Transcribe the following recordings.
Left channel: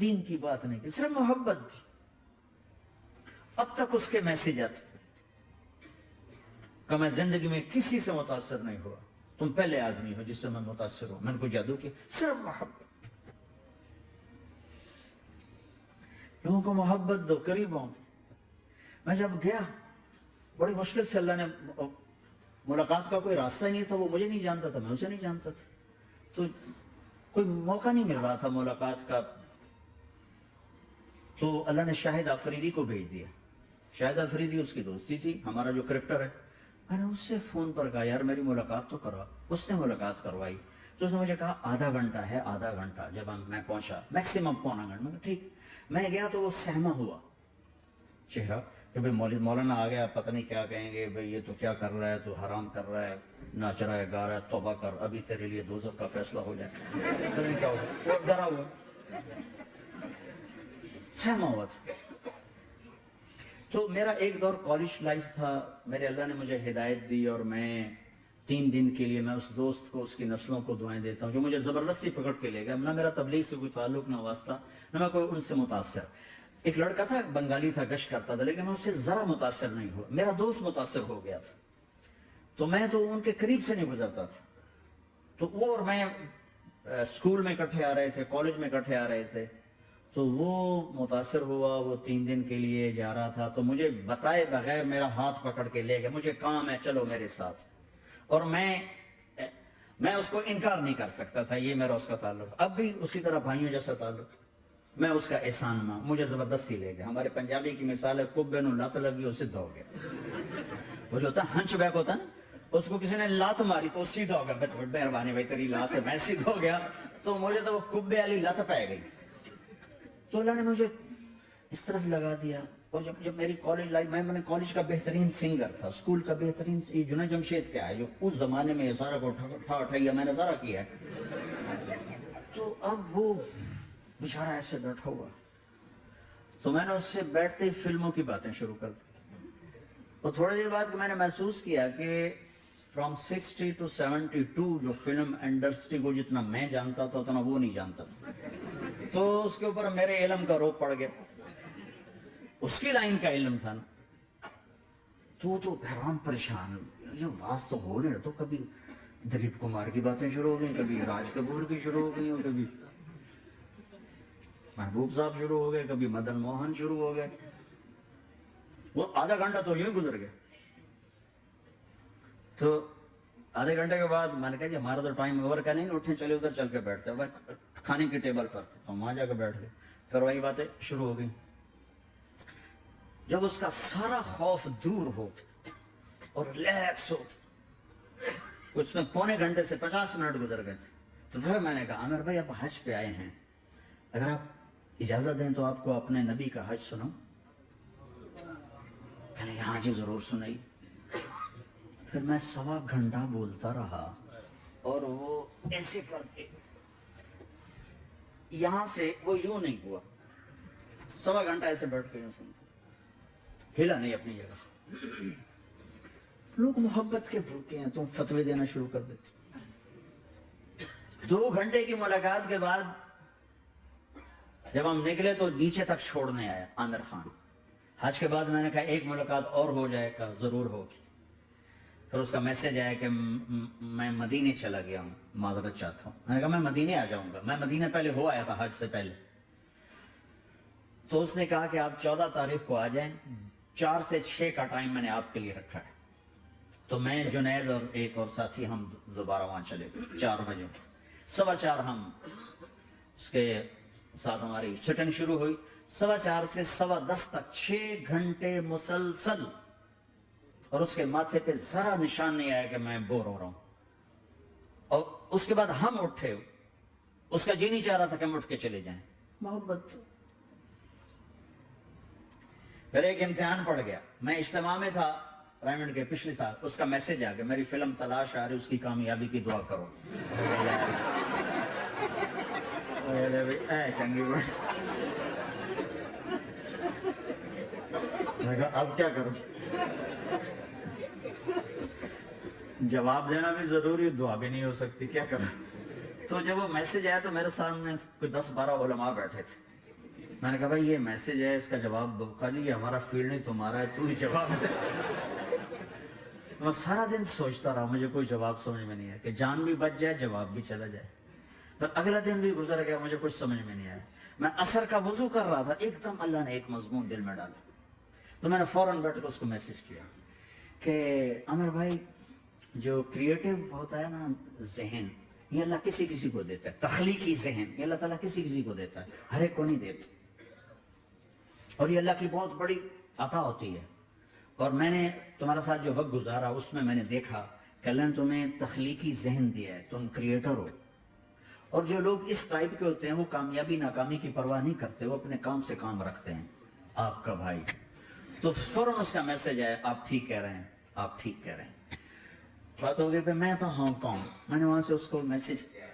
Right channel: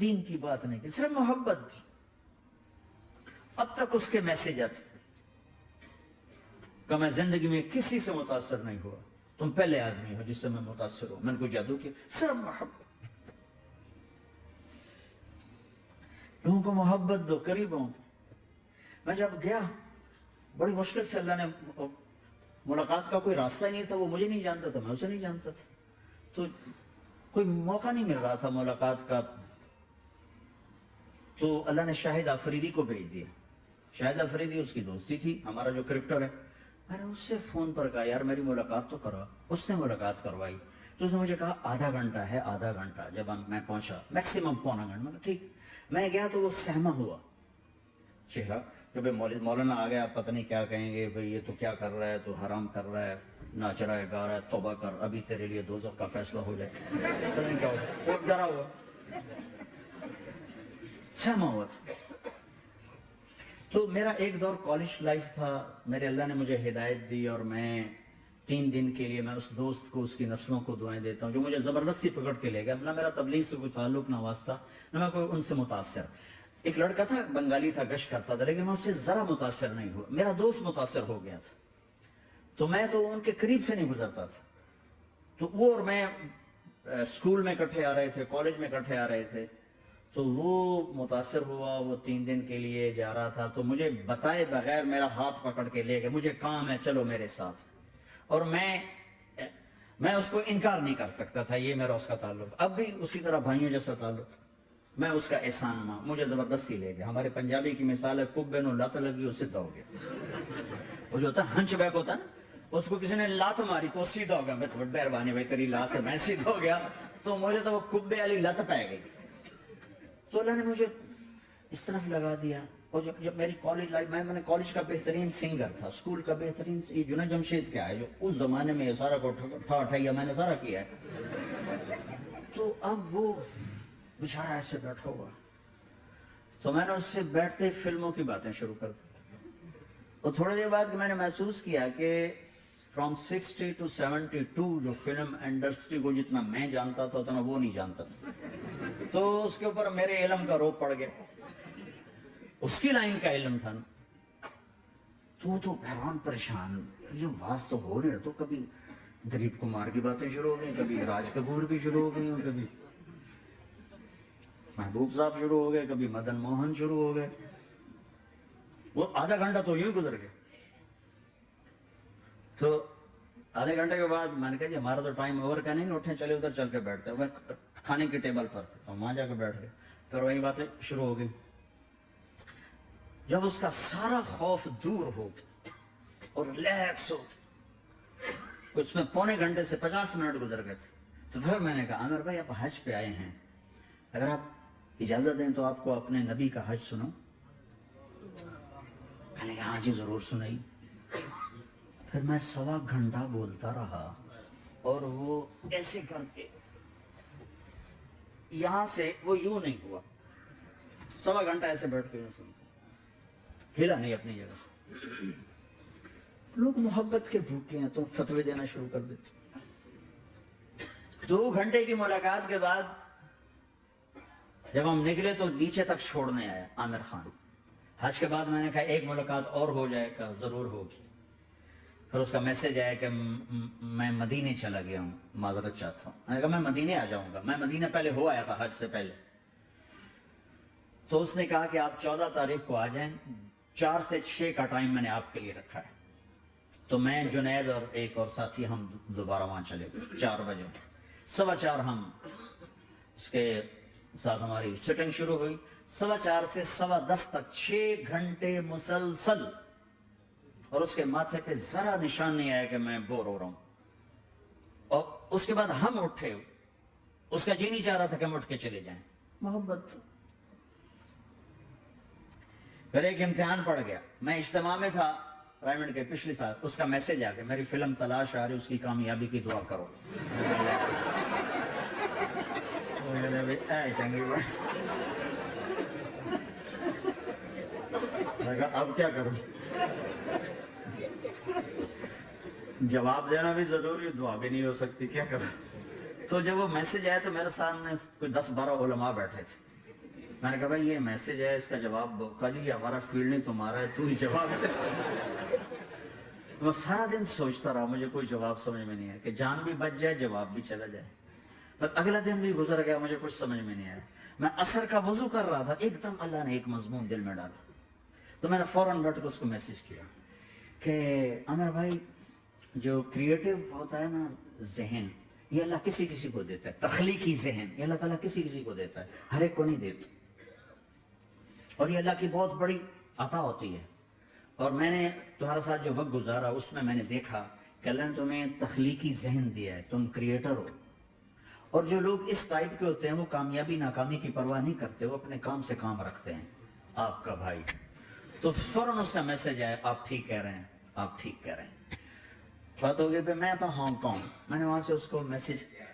دین کی بات نہیں کی، صرف محبت تھی. اب تک اس کے میسج آتے کہ میں زندگی میں کسی سے متاثر نہیں ہوا، تم پہلے آدمی ہو جس سے میں متاثر ہوں، میں نے کوئی جادو کیا، صرف محبت. لوگوں کو محبت دو، قریب ہوں. میں جب گیا بڑی مشکل سے اللہ نے، ملاقات کا کوئی راستہ ہی نہیں تھا، وہ مجھے نہیں جانتا تھا، میں اسے نہیں جانتا تھا، تو کوئی موقع نہیں مل رہا تھا ملاقات کا. تو اللہ نے شاہد آفریدی کو بھیج دیا. شاہد آفریدی اس کی دوستی تھی، ہمارا جو کرپٹر ہے. میں نے اس سے فون پر کہا یار میری ملاقات تو کروا. اس نے ملاقات کروائی. تو اس نے مجھے کہا آدھا گھنٹہ ہے، آدھا گھنٹہ. جب میں پہنچا میکسیمم پونا گھنٹہ، میں نے کہا ٹھیک. میں گیا تو وہ سہما ہوا چہرہ کہ بھائی مولانا آ گیا، پتہ نہیں کیا کہیں گے، بھائی یہ تو کیا کر رہا ہے، تو حرام کر رہا ہے، ناچ رہا ہے، گا رہا ہے، توبہ کر، ابھی تیرے لیے دوزخ کا فیصلہ ہو جائے. پتہ نہیں کیا ہوا، وہ ڈرا ہوا سہما ہوا تھا. تو میرا ایک دور کالج لائف تھا. میرے اللہ نے مجھے ہدایت دی اور میں 3 دن کے لیے میں اس دوست کو، اس کی نسلوں کو دعائیں دیتا ہوں جو مجھے زبردستی پکڑ کے لے گیا. نہ میرا تبلیغ سے کوئی تعلق، نہ واسطہ، نہ میں کوئی ان سے متاثر. ایک لڑکا تھا، بنگالی تھا، کش کرتا تھا، لیکن میں اس سے ذرا متاثر نہیں ہوا. میرا دوست متاثر ہو گیا تھا، تو میں تو ان کے قریب سے نہیں گزرتا تھا. تو وہ اور میں اسکول میں اکٹھے آ رہے تھے، کالج میں اکٹھے آ رہے تھے. تو وہ متاثر ہوا، وہ 3 دن کے لیے جا رہا تھا، تو مجھے بتائے بغیر میرا ہاتھ پکڑ کے لے گئے، مجھے کام ہے چلو میرے ساتھ. اور میں اس کو انکار نہیں کر سکتا تھا، یہ میرا اس کا تعلق. اب بھی اسی طرح بھائیوں جیسا تعلق. میں اس کا احسان نہ، مجھے زبردستی لے گیا. ہمارے پنجابی کی مثال ہے، کبے نو لت لگی اسے دو گیا. وہ جو ہوتا ہے ہنچ بیک ہوتا ہے نا، اس کو کسی نے لات ماری تو سیدھا ہو گیا. مہربانی بھائی تیری لات سے میں سیدھا ہو گیا. تو مجھے تو وہ کبے والی لت پہ گئی. تو اللہ نے مجھے اس طرف لگا دیا. اور جب میری کالج لائف، میں نے کالج کا بہترین سنگر تھا، اسکول کا بہترین، یہ جنید جمشید کیا ہے جو اس زمانے میں یہ سارا کو اٹھایا میں نے سارا کیا ہے. تو اب وہ بیچارہ ایسے بیٹھا ہوا، تو میں نے اس سے بیٹھتے فلموں کی باتیں شروع کر دی. اور تھوڑی دیر بعد میں نے محسوس کیا کہ فرام 60 to 72 جو فلم انڈسٹری کو جتنا میں جانتا تھا اتنا وہ نہیں جانتا تھا. تو اس کے اوپر میرے علم کا روپ پڑ گیا، اس کی لائن کا علم تھا نا. تو حیران پریشان، یہ واز تو ہو نہیں رہا. تو کبھی دلیپ کمار کی باتیں شروع ہو گئی، کبھی راج کپور کی شروع ہو گئی، کبھی محبوب صاحب شروع ہو گئے، کبھی مدن موہن شروع ہو گئے. وہ آدھا گھنٹہ تو یوں گزر گیا. تو آدھے گھنٹے کے بعد میں نے کہا کہ ہمارا تو ٹائم اوور کا نہیں، اٹھیں چلے ادھر چل کے بیٹھتے. میں کھانے کے ٹیبل پر تھا تو وہاں جا کے بیٹھ گئے. پھر وہی باتیں شروع ہو گئی. جب اس کا سارا خوف دور ہو گیا اور ریلیکس ہو، اس میں پونے گھنٹے سے 50 منٹ گزر گئے تھے. تو پھر میں نے کہا عامر بھائی آپ حج پہ آئے ہیں، اگر آپ اجازت دیں تو آپ کو اپنے نبی کا حج سناؤں. کہنے لگے ہاں جی ضرور سنائیے. پھر میں 1.25 گھنٹہ بولتا رہا اور وہ ایسے کر کے یہاں سے وہ یوں نہیں ہوا. 1.25 گھنٹہ ایسے بیٹھ کے یوں سنتا، ہلا نہیں اپنی جگہ سے. لوگ محبت کے بھوکے ہیں تو فتوے دینا شروع کر دیتے. 2 گھنٹے کی ملاقات کے بعد جب ہم نکلے تو نیچے تک چھوڑنے آیا عامر خان. حج کے بعد میں نے کہا ایک ملاقات اور ہو جائے گا، ضرور ہوگی. پھر اس کا میسج آیا کہ میں مدینے چلا گیا ہوں، معذرت چاہتا ہوں. میں نے کہا میں مدینے آ جاؤں گا، میں مدینے پہلے ہو آیا تھا حج سے پہلے. تو اس نے کہا کہ آپ 14 تاریخ کو آ جائیں، 4 سے 6 کا ٹائم میں نے آپ کے لیے رکھا ہے. تو میں، جنید اور ایک اور ساتھی ہم دوبارہ وہاں چلے. 4 بجے 4:15 ہم اس کے ساتھ ہماری سٹنگ شروع ہوئی. 4:15 سے 10:15 تک 6 گھنٹے مسلسل. اور اس کے ماتھے پہ ذرا نشان نہیں آیا کہ میں بور ہو رہا ہوں. اور اس کے بعد ہم اٹھے، اس کا جی نہیں چاہ رہا تھا کہ ہم اٹھ کے چلے جائیں. محبت. پھر ایک امتحان پڑ گیا. میں اجتماع میں تھا رائمنڈ کے پچھلے سال. اس کا میسج آ گیا میری فلم تلاش آ رہی، اس کی کامیابی کی دعا کرو. اب کیا کروں، جواب دینا بھی ضروری، دعا بھی نہیں ہو سکتی، کیا کروں. تو جب وہ میسج آیا تو میرے سامنے کوئی 10-12 علماء بیٹھے تھے. میں نے کہا بھائی یہ میسج ہے، اس کا جواب دو۔ کہا جی یہ ہمارا فیلڈ نہیں تمہارا ہے، تو ہی جواب دے۔ میں سارا دن سوچتا رہا، مجھے کوئی جواب سمجھ میں نہیں آیا کہ جان بھی بچ جائے، جواب بھی چلا جائے۔ تو اگلا دن بھی گزر گیا، مجھے کچھ سمجھ میں نہیں آیا۔ میں عصر کا وضو کر رہا تھا، ایک دم اللہ نے ایک مضمون دل میں ڈالا، تو میں نے فوراً بیٹھ کے اس کو میسج کیا کہ عامر بھائی، جو کریٹو ہوتا ہے نا ذہن، یہ اللہ کسی کسی کو دیتا ہے، تخلیقی ذہن یہ اللہ تعالیٰ کسی کسی کو دیتا ہے، ہر ایک کو نہیں دیتا، اور یہ اللہ کی بہت بڑی عطا ہوتی ہے۔ اور میں نے تمہارے ساتھ جو وقت گزارا اس میں نے دیکھا کہ اللہ نے تمہیں تخلیقی ذہن دیا ہے، تم کریٹر ہو۔ اور جو لوگ اس ٹائپ کے ہوتے ہیں وہ کامیابی ناکامی کی پرواہ نہیں کرتے، وہ اپنے کام سے کام رکھتے ہیں۔ آپ کا بھائی تو فوراً اس کا میسج آیا، آپ ٹھیک کہہ رہے ہیں، آپ ٹھیک کہہ رہے ہیں۔ بات ہو گئی پہ میں تھا ہانگ کانگ، میں نے وہاں سے اس کو میسج کیا،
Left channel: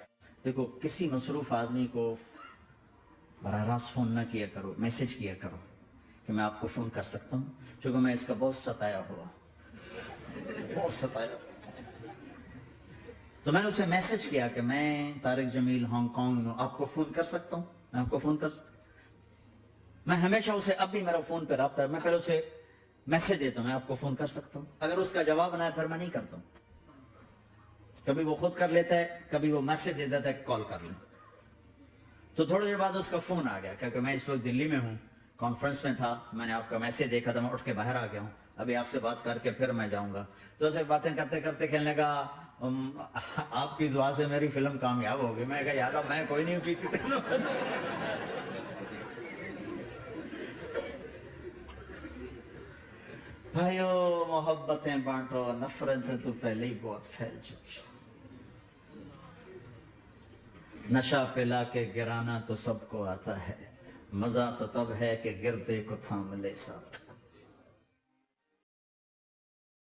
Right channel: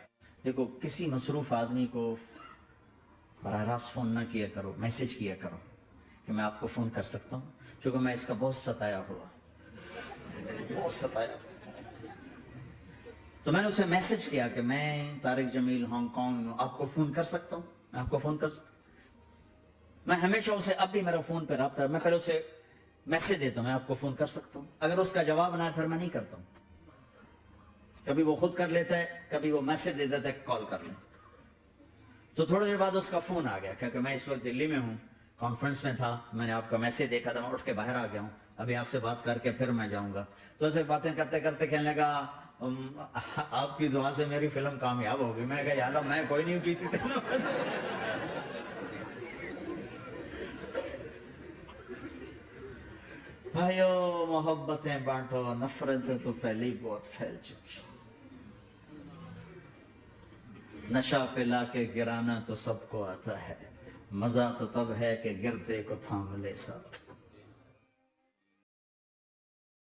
دیکھو کسی مصروف آدمی کو براہ راست فون نہ کیا کرو، میسج کیا کرو کہ میں آپ کو فون کر سکتا ہوں، چونکہ میں اس کا بہت ستایا ہوا، بہت ستایا۔ تو میں نے اسے میسج کیا کہ میں طارق جمیل ہانگ کانگ میں آپ کو فون کر سکتا ہوں، میں آپ کو فون کر سکتا ہوں۔ میں ہمیشہ اسے، اب بھی میرا فون پہ رابطہ ہے، میں پہلے اسے میسج دیتا ہوں میں آپ کو فون کر سکتا ہوں، اگر اس کا جواب نہ ہے پھر میں نہیں کرتا ہوں۔ کبھی وہ خود کر لیتا ہے، کبھی وہ میسج دے دیتا ہے کال کر لیں۔ تو تھوڑی دیر بعد اس کا فون آ گیا، کیونکہ میں اس وقت دلی میں ہوں، کانفرنس میں تھا، میں نے آپ کا میسج دیکھا تھا، میں اٹھ کے باہر آ گیا ہوں، ابھی آپ سے بات کر کے پھر میں جاؤں گا۔ تو ایسے باتیں کرتے کرتے کہنے لگا آپ کی دعا سے میری فلم کامیاب ہوگی۔ میں کہا یاد میں کوئی نہیں کی تھی۔ بھائیو محبتیں بانٹو، نفرتیں تو پہلے ہی بہت پھیل چکی۔ نشہ پلا کے گرانا تو سب کو آتا ہے، مزہ تو تب ہے کہ گردے کو تھام لے ساتھ۔